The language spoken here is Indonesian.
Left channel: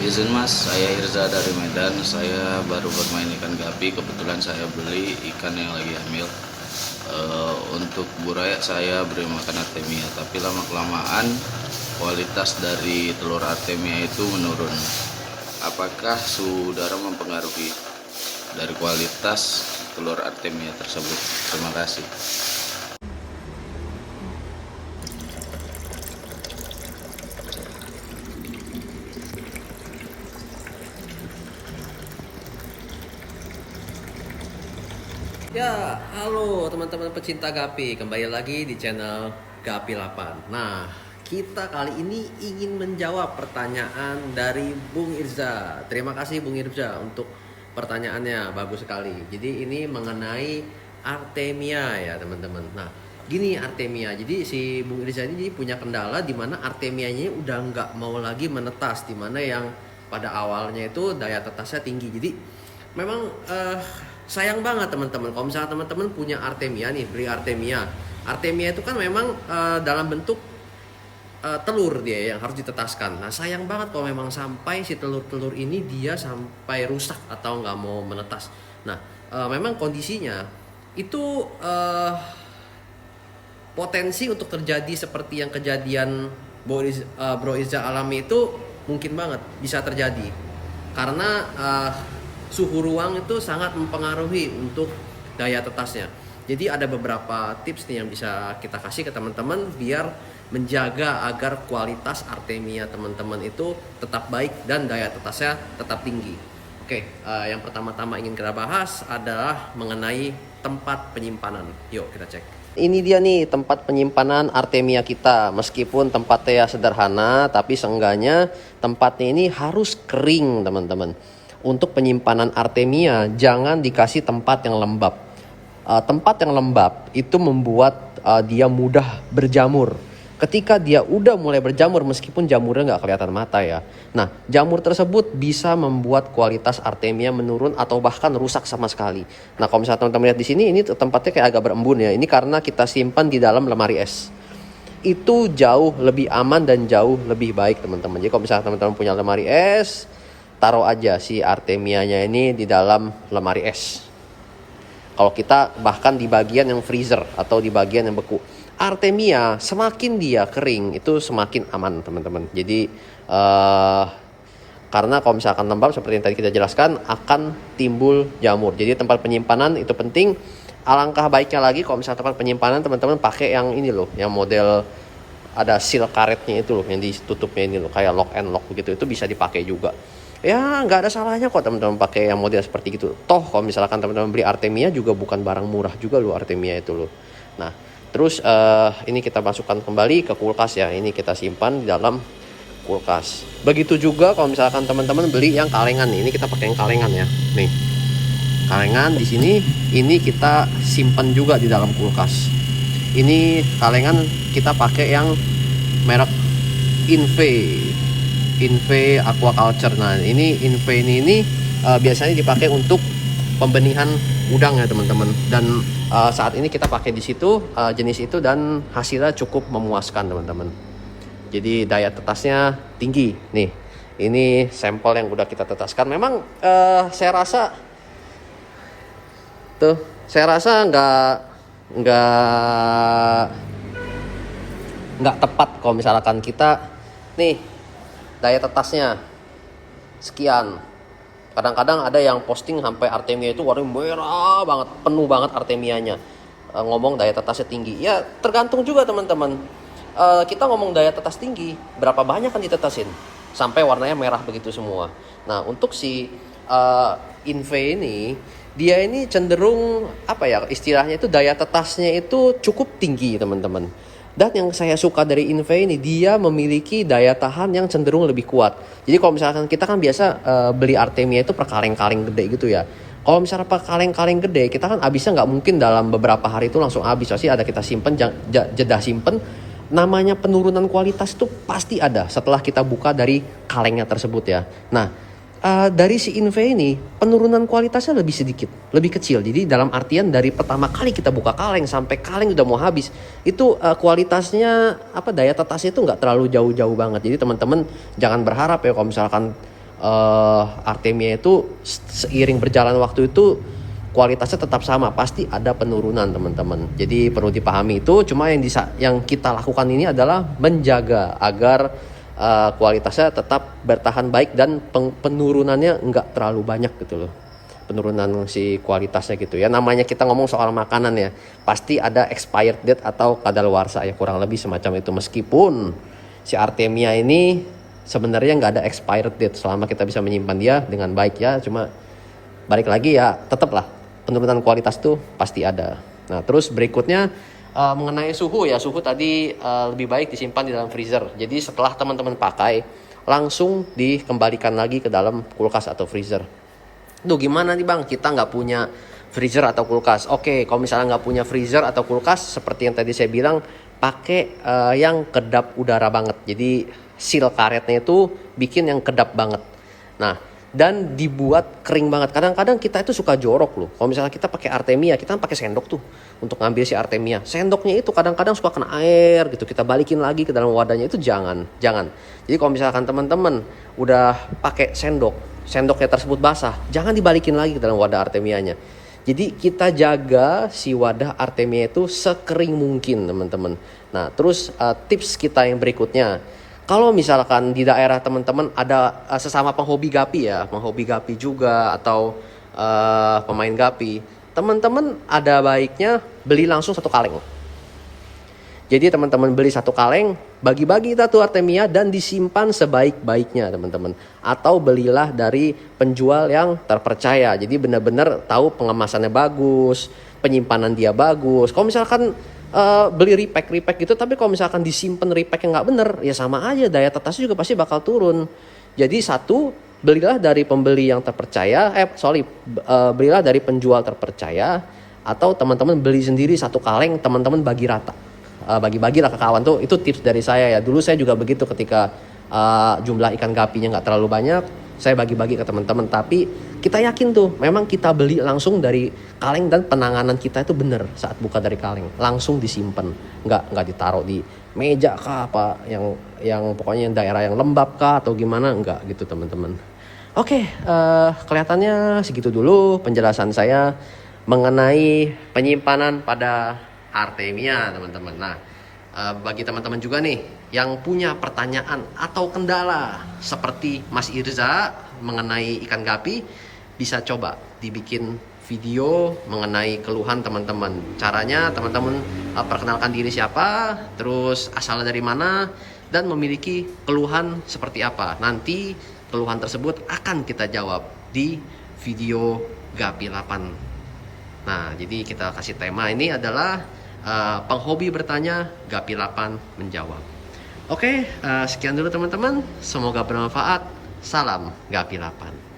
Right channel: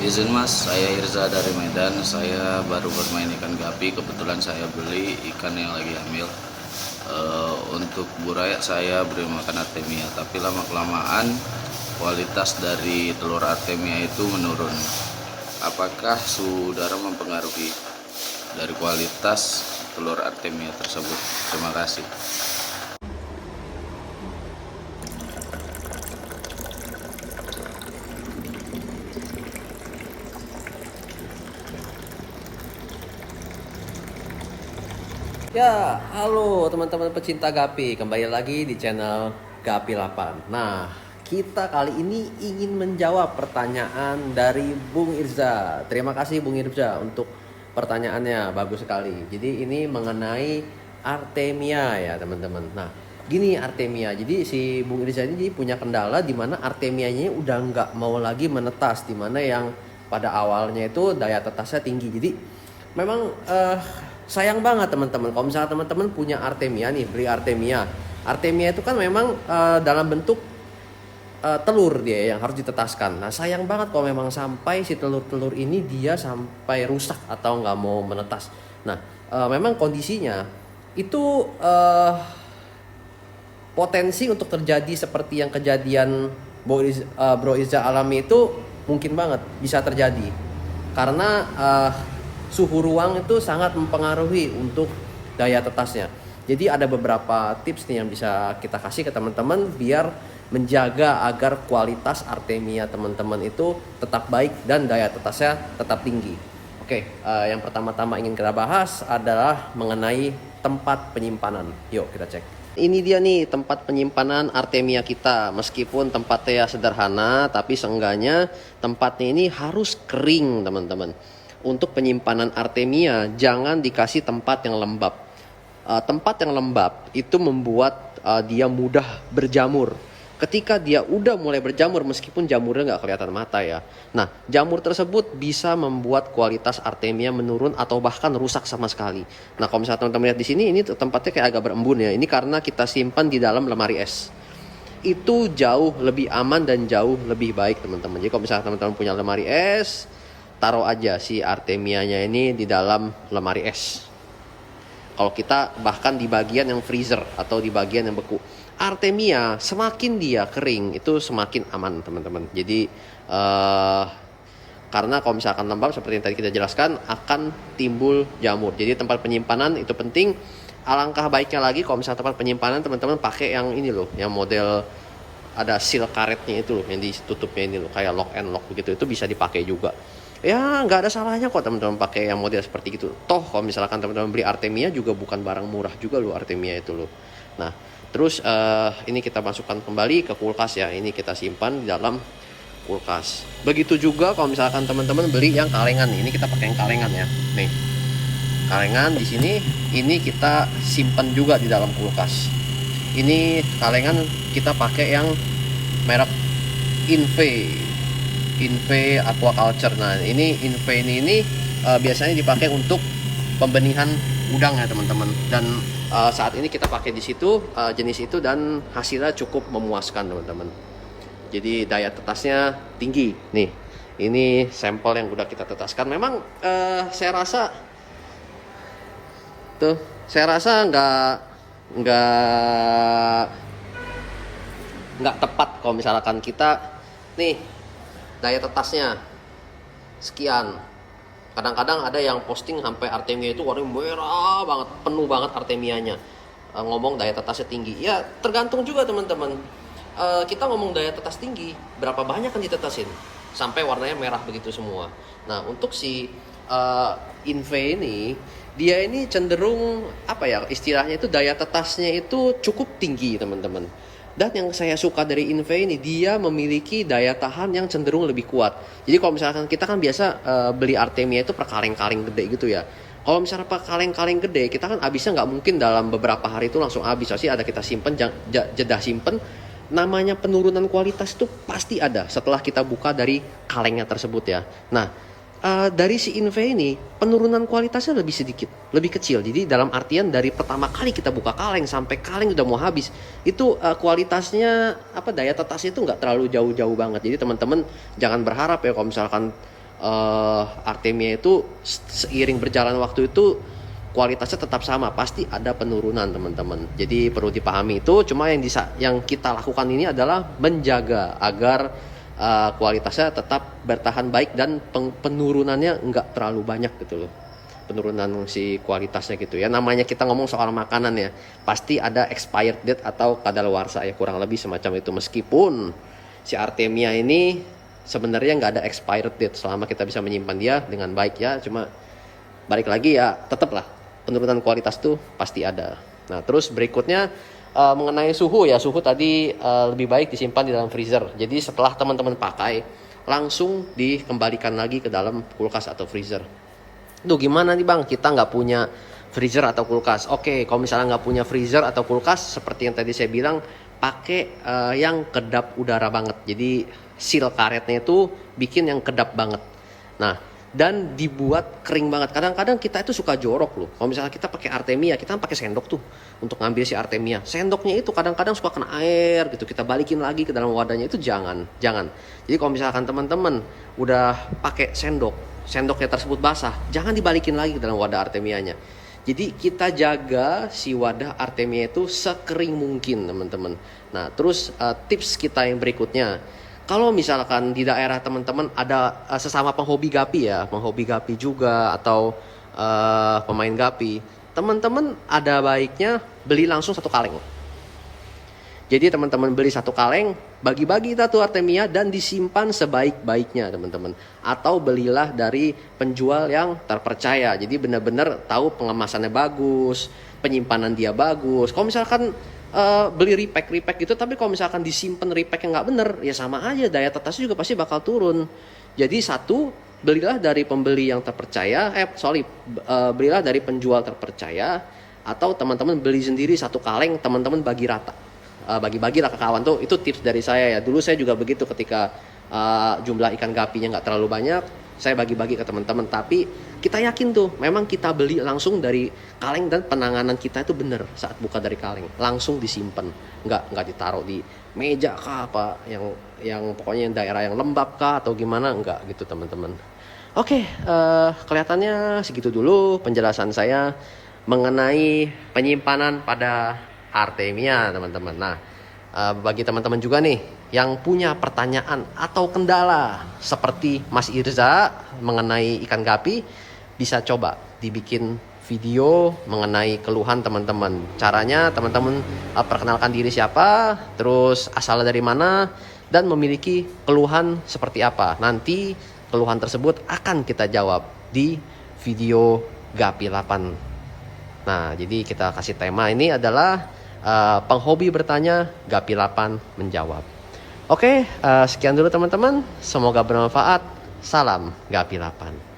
Izin mas, saya Irza dari Medan. Saya baru bermain ikan gapi. Kebetulan saya beli ikan yang lagi hamil. Untuk buraya saya beri makan artemia, tapi lama kelamaan kualitas dari telur artemia itu menurun. Apakah suhu udara mempengaruhi dari kualitas telur artemia tersebut? Terima kasih. Ya, halo teman-teman pecinta Gapi, kembali lagi di channel Gapi 8. Nah, kita kali ini ingin menjawab pertanyaan dari Bung Irza. Terima kasih Bung Irza untuk pertanyaannya, bagus sekali. Jadi ini mengenai artemia ya teman-teman. Nah, gini artemia. Jadi si Bung Irza ini punya kendala di mana artemianya udah nggak mau lagi menetas, di mana yang pada awalnya itu daya tetasnya tinggi. Jadi memang sayang banget teman-teman kalau misalnya teman-teman punya artemia nih, beli artemia. Artemia itu kan memang dalam bentuk telur dia yang harus ditetaskan. Nah sayang banget kalau memang sampai si telur-telur ini dia sampai rusak atau nggak mau menetas. Nah memang kondisinya itu potensi untuk terjadi seperti yang kejadian Bro Iza alami itu mungkin banget bisa terjadi karena suhu ruang itu sangat mempengaruhi untuk daya tetasnya. Jadi ada beberapa tips nih yang bisa kita kasih ke teman-teman biar menjaga agar kualitas artemia teman-teman itu tetap baik dan daya tetasnya tetap tinggi. Oke, yang pertama-tama ingin kita bahas adalah mengenai tempat penyimpanan. Yuk kita cek. Ini dia nih tempat penyimpanan artemia kita. Meskipun tempatnya sederhana, tapi seenggaknya tempatnya ini harus kering teman-teman. Untuk penyimpanan artemia jangan dikasih tempat yang lembab. Tempat yang lembab itu membuat dia mudah berjamur. Ketika dia udah mulai berjamur, meskipun jamurnya nggak kelihatan mata ya. Nah, jamur tersebut bisa membuat kualitas artemia menurun atau bahkan rusak sama sekali. Nah, kalau misalnya teman-teman lihat di sini, ini tempatnya kayak agak berembun ya. Ini karena kita simpan di dalam lemari es. Itu jauh lebih aman dan jauh lebih baik teman-teman. Jadi kalau misalnya teman-teman punya lemari es, taruh aja si artemianya ini di dalam lemari es. Kalau kita bahkan di bagian yang freezer atau di bagian yang beku. Artemia semakin dia kering itu semakin aman teman-teman. Jadi karena kalau misalkan lembab seperti yang tadi kita jelaskan akan timbul jamur. Jadi tempat penyimpanan itu penting. Alangkah baiknya lagi kalau misalkan tempat penyimpanan teman-teman pakai yang ini loh, yang model ada seal karetnya itu loh, yang ditutupnya ini loh, kayak lock and lock gitu. Itu bisa dipakai juga. Ya nggak ada salahnya kok teman-teman pakai yang model seperti itu. Toh kalau misalkan teman-teman beli artemia juga bukan barang murah juga loh artemia itu loh. Nah terus ini kita masukkan kembali ke kulkas ya. Ini kita simpan di dalam kulkas. Begitu juga kalau misalkan teman-teman beli yang kalengan. Ini kita pakai yang kalengan ya. Nih kalengan di sini. Ini kita simpan juga di dalam kulkas. Ini kalengan kita pakai yang merek Inve Aquaculture. Nah ini Inve ini biasanya dipakai untuk pembenihan udang ya teman-teman. Dan saat ini kita pakai di situ jenis itu dan hasilnya cukup memuaskan teman-teman. Jadi daya tetasnya tinggi. Nih ini sampel yang udah kita tetaskan. Memang saya rasa nggak tepat kalau misalkan kita nih daya tetasnya sekian. Kadang-kadang ada yang posting sampai artemia itu warnanya merah banget, penuh banget artemianya. Ngomong daya tetasnya tinggi. Ya tergantung juga teman-teman. Kita ngomong daya tetas tinggi, berapa banyak kan ditetasin sampai warnanya merah begitu semua. Nah untuk si Inve ini, dia ini cenderung apa ya istilahnya itu daya tetasnya itu cukup tinggi teman-teman. Dan yang saya suka dari Inve ini, dia memiliki daya tahan yang cenderung lebih kuat. Jadi kalau misalkan kita kan biasa beli artemia itu per kaleng-kaleng gede gitu ya. Kalau misalnya per kaleng-kaleng gede, kita kan habisnya nggak mungkin dalam beberapa hari itu langsung habis. Pasti ada kita simpen, jeda simpen. Namanya penurunan kualitas itu pasti ada setelah kita buka dari kalengnya tersebut ya. Nah dari si Inve ini penurunan kualitasnya lebih sedikit, lebih kecil. Jadi dalam artian dari pertama kali kita buka kaleng sampai kaleng udah mau habis, itu kualitasnya daya tetasnya itu nggak terlalu jauh-jauh banget. Jadi teman-teman jangan berharap ya kalau misalkan Artemia itu seiring berjalan waktu itu kualitasnya tetap sama, pasti ada penurunan teman-teman. Jadi perlu dipahami itu. Cuma yang kita lakukan ini adalah menjaga agar kualitasnya tetap bertahan baik dan penurunannya nggak terlalu banyak gitu loh, penurunan si kualitasnya gitu ya. Namanya kita ngomong soal makanan ya, pasti ada expired date atau kadaluarsa ya, kurang lebih semacam itu. Meskipun si Artemia ini sebenarnya nggak ada expired date selama kita bisa menyimpan dia dengan baik ya. Cuma balik lagi ya, tetaplah penurunan kualitas tuh pasti ada. Nah terus berikutnya mengenai suhu ya, suhu tadi lebih baik disimpan di dalam freezer. Jadi setelah teman-teman pakai langsung dikembalikan lagi ke dalam kulkas atau freezer. Duh gimana nih bang, kita nggak punya freezer atau kulkas. Oke, kalau misalnya nggak punya freezer atau kulkas, seperti yang tadi saya bilang, pakai yang kedap udara banget. Jadi seal karetnya itu bikin yang kedap banget. Nah, dan dibuat kering banget. Kadang-kadang kita itu suka jorok loh. Kalau misalnya kita pakai Artemia, kita kan pakai sendok tuh untuk ngambil si Artemia. Sendoknya itu kadang-kadang suka kena air gitu. Kita balikin lagi ke dalam wadahnya, itu jangan. Jadi kalau misalkan teman-teman udah pakai sendoknya tersebut basah, jangan dibalikin lagi ke dalam wadah Artemianya. Jadi kita jaga si wadah Artemia itu sekering mungkin teman-teman. Nah terus tips kita yang berikutnya, kalau misalkan di daerah teman-teman ada sesama penghobi gapi ya, penghobi gapi juga atau pemain gapi, teman-teman ada baiknya beli langsung satu kaleng. Jadi teman-teman beli satu kaleng, bagi-bagi satu Artemia dan disimpan sebaik-baiknya teman-teman. Atau belilah dari penjual yang terpercaya. Jadi benar-benar tahu pengemasannya bagus, penyimpanan dia bagus. Kalau misalkan beli repack gitu, tapi kalau misalkan disimpan repack yang nggak bener, ya sama aja, daya tetasnya juga pasti bakal turun. Jadi satu, belilah dari pembeli yang terpercaya, belilah dari penjual terpercaya, atau teman-teman beli sendiri satu kaleng, teman-teman bagi rata. Bagi-bagilah ke kawan tuh, itu tips dari saya ya. Dulu saya juga begitu ketika jumlah ikan gapinya nggak terlalu banyak, saya bagi-bagi ke teman-teman. Tapi kita yakin tuh memang kita beli langsung dari kaleng dan penanganan kita itu bener saat buka dari kaleng, langsung disimpan, nggak ditaruh di meja kah apa yang pokoknya daerah yang lembab kah atau gimana, nggak gitu teman-teman. Oke, kelihatannya segitu dulu penjelasan saya mengenai penyimpanan pada Artemia teman-teman. Nah bagi teman-teman juga nih yang punya pertanyaan atau kendala seperti Mas Irza mengenai ikan gapi, bisa coba dibikin video mengenai keluhan teman-teman. Caranya teman-teman perkenalkan diri siapa, terus asalnya dari mana, dan memiliki keluhan seperti apa. Nanti keluhan tersebut akan kita jawab di video Gapi 8. Nah jadi kita kasih tema ini adalah penghobi bertanya, Gapi 8 menjawab. Oke, sekian dulu teman-teman. Semoga bermanfaat. Salam Gapi 8.